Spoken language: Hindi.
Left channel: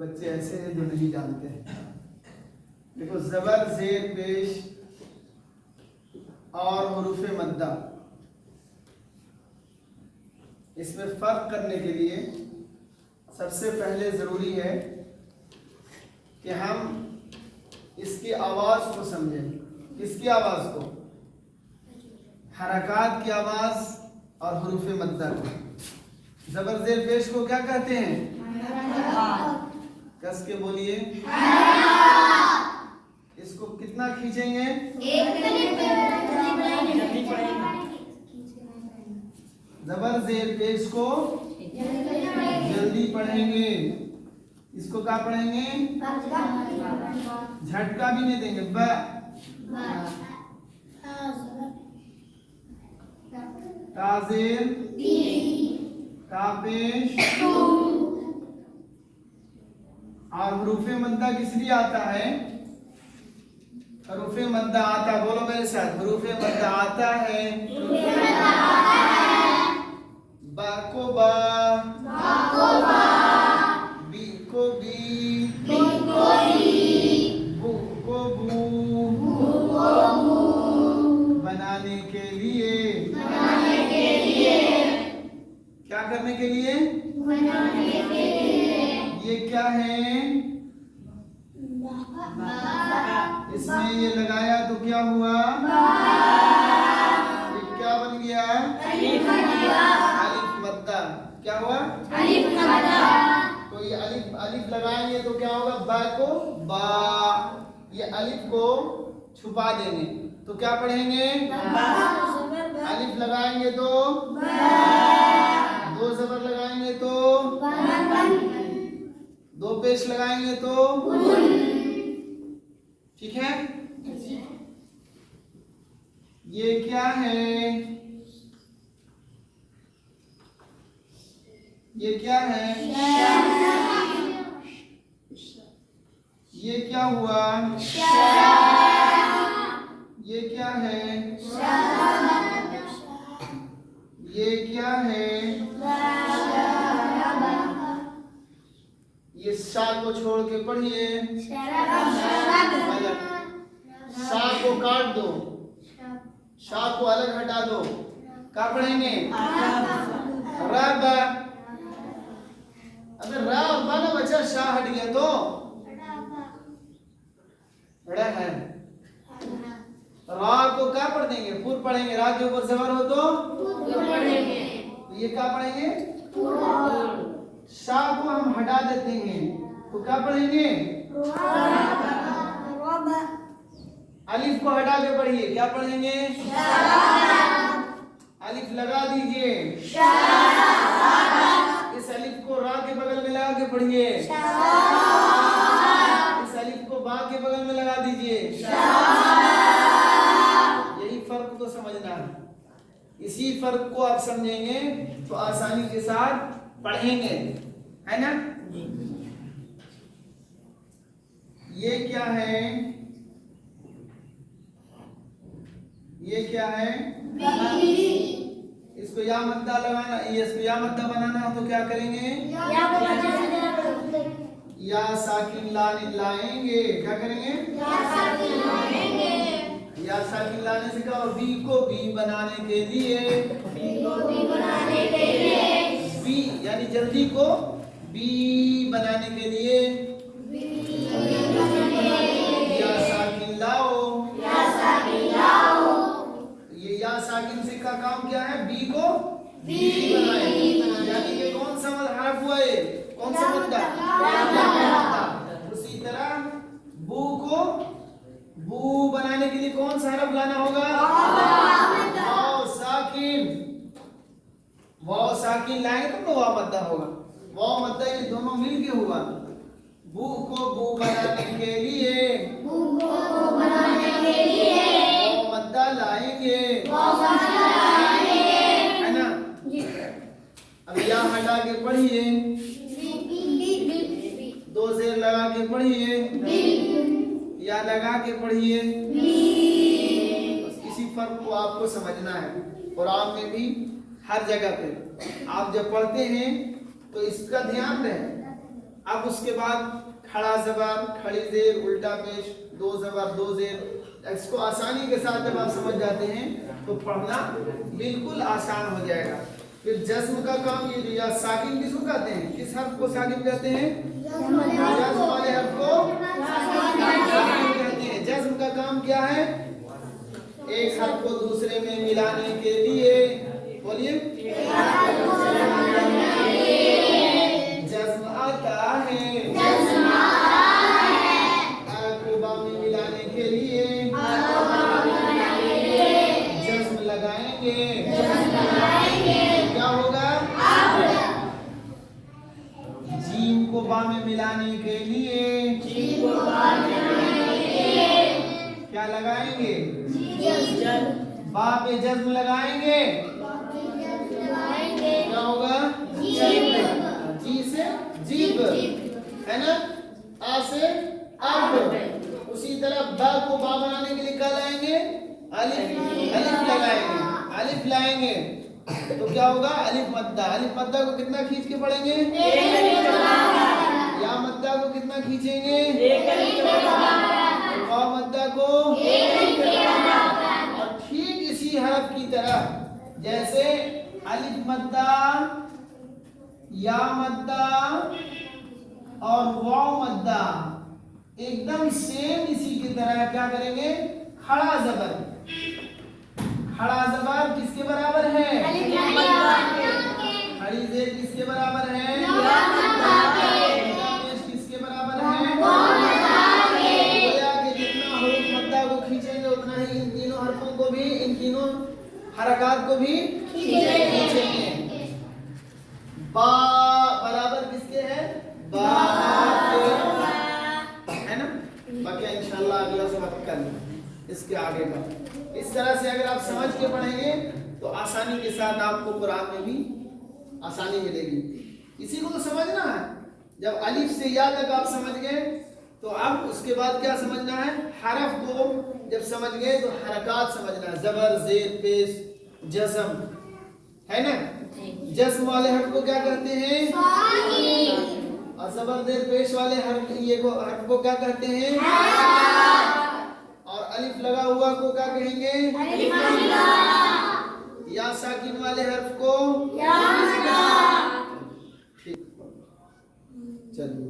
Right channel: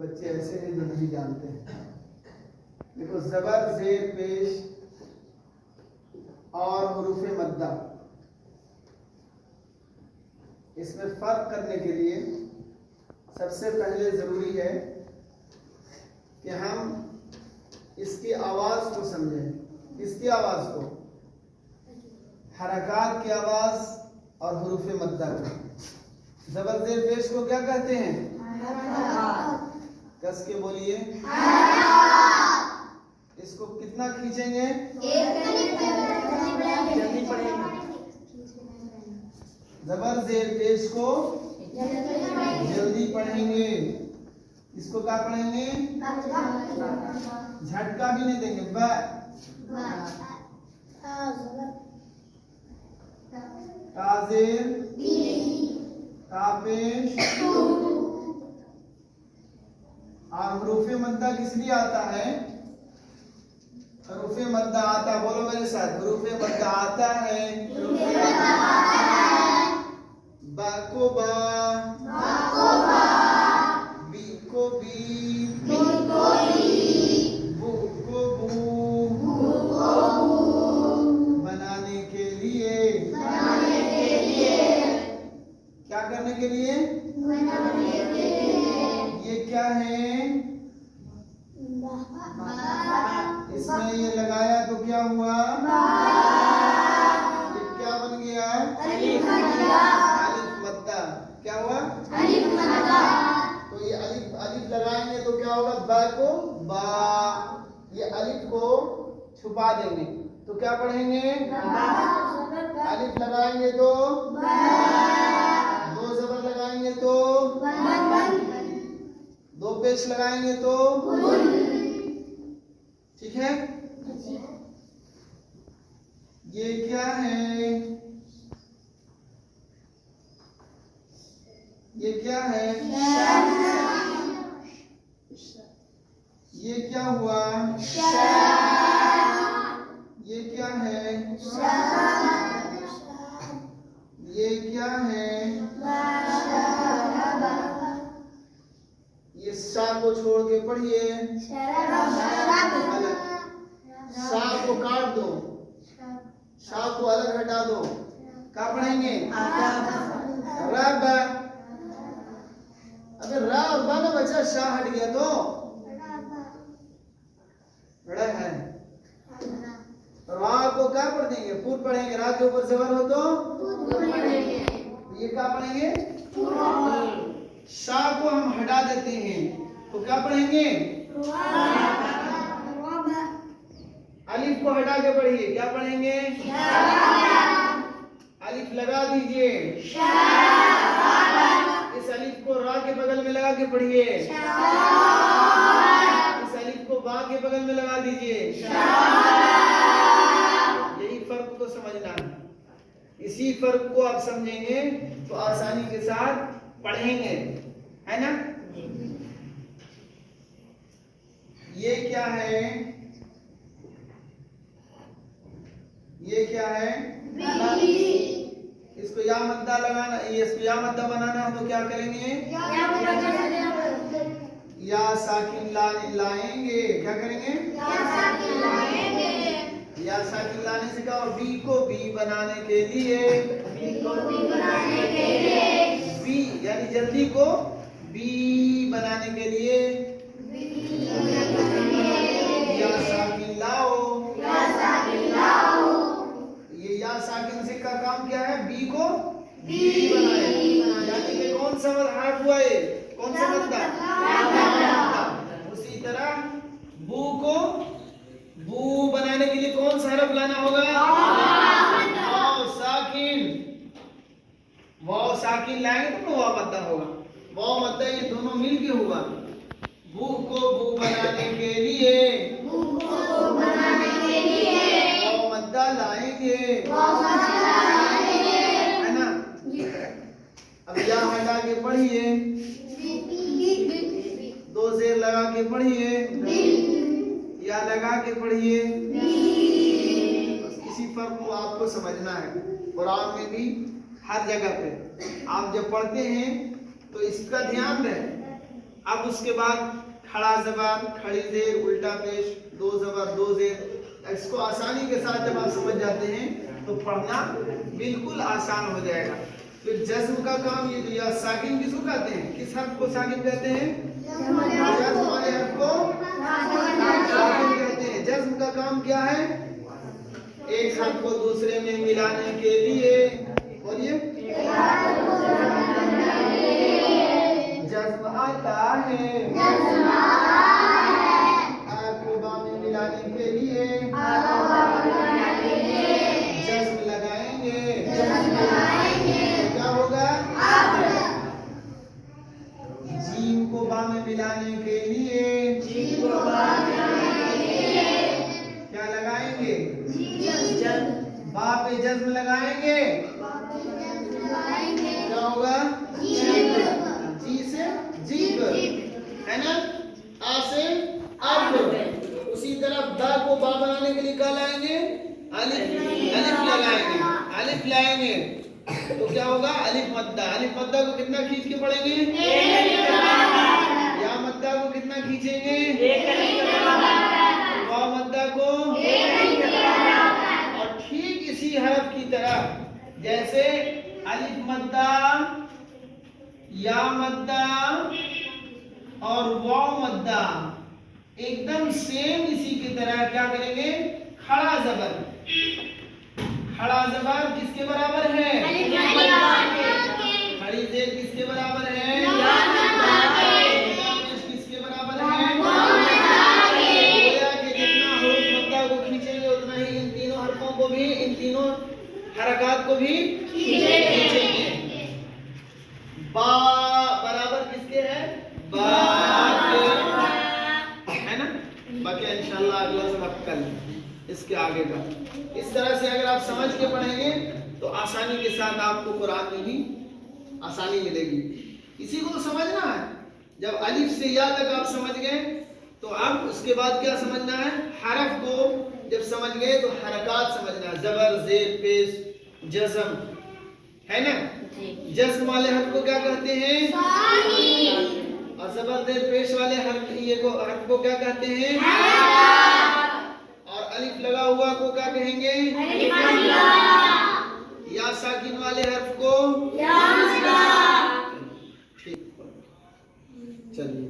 बच्चे ऐसे हैं जो नहीं जानते हैं। देखो ज़बर ज़ेर पेश और हुरूफ मद्दा, इसमें फ़र्क करने के लिए सबसे पहले ज़रूरी है कि हम इसकी आवाज़ को समझें। किसकी आवाज़ को? हरकात की आवाज़ और हुरूफ मद्दा की। ज़बर ज़ेर पेश को क्या कहते हैं? कस के बोलिए। इसको कितना खींचेंगे? ज़बर ज़ेर पेश को जल्दी पढ़ेंगे। इसको क्या पढ़ेंगे? झटका भी नहीं देंगे। ब ताज़ेर तापेश और हुरूफ मद्दा किस लिए आता है? हुरूफ मद्दा आता है, बोलो मेरे साथ, हुरूफ मद्दा आता है। बा को बा, बी को बी, बू को बू, बनाने के लिए, क्या करने के लिए? ये क्या है? इसमें ये लगाया तो क्या हुआ? ये क्या बन गया? अलिफ मद्दा। क्या हुआ? तो ये अलिफ लगाएंगे तो क्या होगा? बा को बा, ये अलिफ को छुपा देंगे तो क्या पढ़ेंगे? अलिफ लगाएंगे तो दो ज़बर लगाएंगे तो दो पेश लगाएंगे तो ठीक है। ये क्या है? ये क्या है? ये क्या हुआ? ये क्या है? ये क्या है? ये शा को छोड़ के पढ़िए। शा को काट दो, शा को अलग हटा दो। क्या पढ़ेंगे? रब। अबे रा और बा ना बचा, शा हट गया तो बड़ा है। रा को क्या पढ़ देंगे? पुर पढ़ेंगे। रा के ऊपर ज़बर हो तो ये क्या पढ़ेंगे? शा को हम हटा देते हैं तो क्या पढ़ेंगे? अलिफ को हटा के पढ़िए, क्या पढ़ेंगे? अलिफ लगा दीजिए। इस अलिफ को रा के बगल में लगा के पढ़िए। इस अलिफ को बा के बगल में लगा दीजिए। यही फर्क तो समझना है। इसी फर्क को आप समझेंगे तो आसानी के साथ पढ़ेंगे, है ना? ये क्या है? ये क्या है? इसको या मद्दा लगाना, ये इसको या मद्दा बनाना है तो क्या करेंगे? या साकिन लाएंगे। क्या करेंगे? या साकिन लाने से क्या? बी को बी बनाने के लिए, बी यानी जल्दी को बी बनाने के लिए या साकिन लाओ। ये या साकिन से का काम क्या है? बी को बी बनाए। यानी कि कौन सा हर्फ हुआ ये? कौन सा मद्दा? उसी तरह बू को बू बनाने के लिए कौन सा हर्फ लाना होगा? वाव साकिन। वाव साकिन लाएंगे तो वाव मद्दा होगा। वाव मद्दा ये दोनों मिलके हुआ। बू को बू बनाने के लिए वाव मद्दा लाएंगे, है ना? अब या हटा के पढ़िए, दो ज़ेर लगा के पढ़िए, या लगा के पढ़िए। इसी फर्क को आपको समझना है। कुरान में भी हर जगह पे आप जब पढ़ते हैं तो इसका ध्यान रहे। अब उसके बाद खड़ा जबान, खड़ी जेर, उल्टा पेश, दो जबर दो जेर। इसको आसानी के साथ जब आप समझ जाते हैं तो पढ़ना बिल्कुल आसान हो जाएगा। फिर जज्म का काम, ये जो या साकिन किसको कहते हैं, किस हर्फ को साकिन कहते हैं? जज्म वाले हर्फ को साकिन कहते हैं। जज्म का काम क्या है? एक हर्फ को दूसरे में मिलाने के लिए, बोलिए, जज्म आता है, अ में मिलाने के लिए जज्म लगाएंगे। क्या होगा? जीम को बा में मिलाने के लिए क्या लगाएंगे? बा पे जज्म लगाएंगे। क्या होगा? जी से जीब, है ना? आ से अब। उसी तरह बा को बा बनाने के लिए क्या लाएंगे? अलिफ, अलिफ लगाएंगे, अलिफ लाएंगे तो क्या होगा? अलिफ मद्दा। अलिफ मद्दा को कितना खींच के पढ़ेंगे? या मद्दा को कितना खींचेंगे? वाव मद्दा को। और ठीक इसी हरफ की तरह जैसे अलिफ मद्दा, या मद्दा और वाव मद्दा एकदम सेम इसी की तरह क्या करेंगे? खड़ा जबर। खड़ा जबर किसके बराबर है? खड़ी जेर किसके बराबर है? किसके बराबर है? गोया के जितना हुरूफ मद्दा को खींचेंगे उतना ही इन तीनों हरफों को भी, इन तीनों हरकत को भी खींचेंगे। बा बराबर किसके है? बा के, है ना? बाकी इंशाल्लाह अगला सबक कल इसके आगे का। इस तरह से अगर आप समझ के पढ़ेंगे तो आसानी के साथ आपको कुरान में भी आसानी मिलेगी। इसी को तो समझना है। जब अलिफ से या तक आप समझ गए तो अब उसके बाद क्या समझना है? हरफ को जब समझ गए तो हरकत समझना है, जबर जेर पेश जज्म, है ना? जज्म वाले हर्फ को क्या कहते हैं? और जबर जेर पेश वाले हर्फ हर्फ को क्या कहते हैं? और अलिफ लगा हुआ को क्या कहेंगे? या साकिन वाले हर्फ को ठीक। चलिए।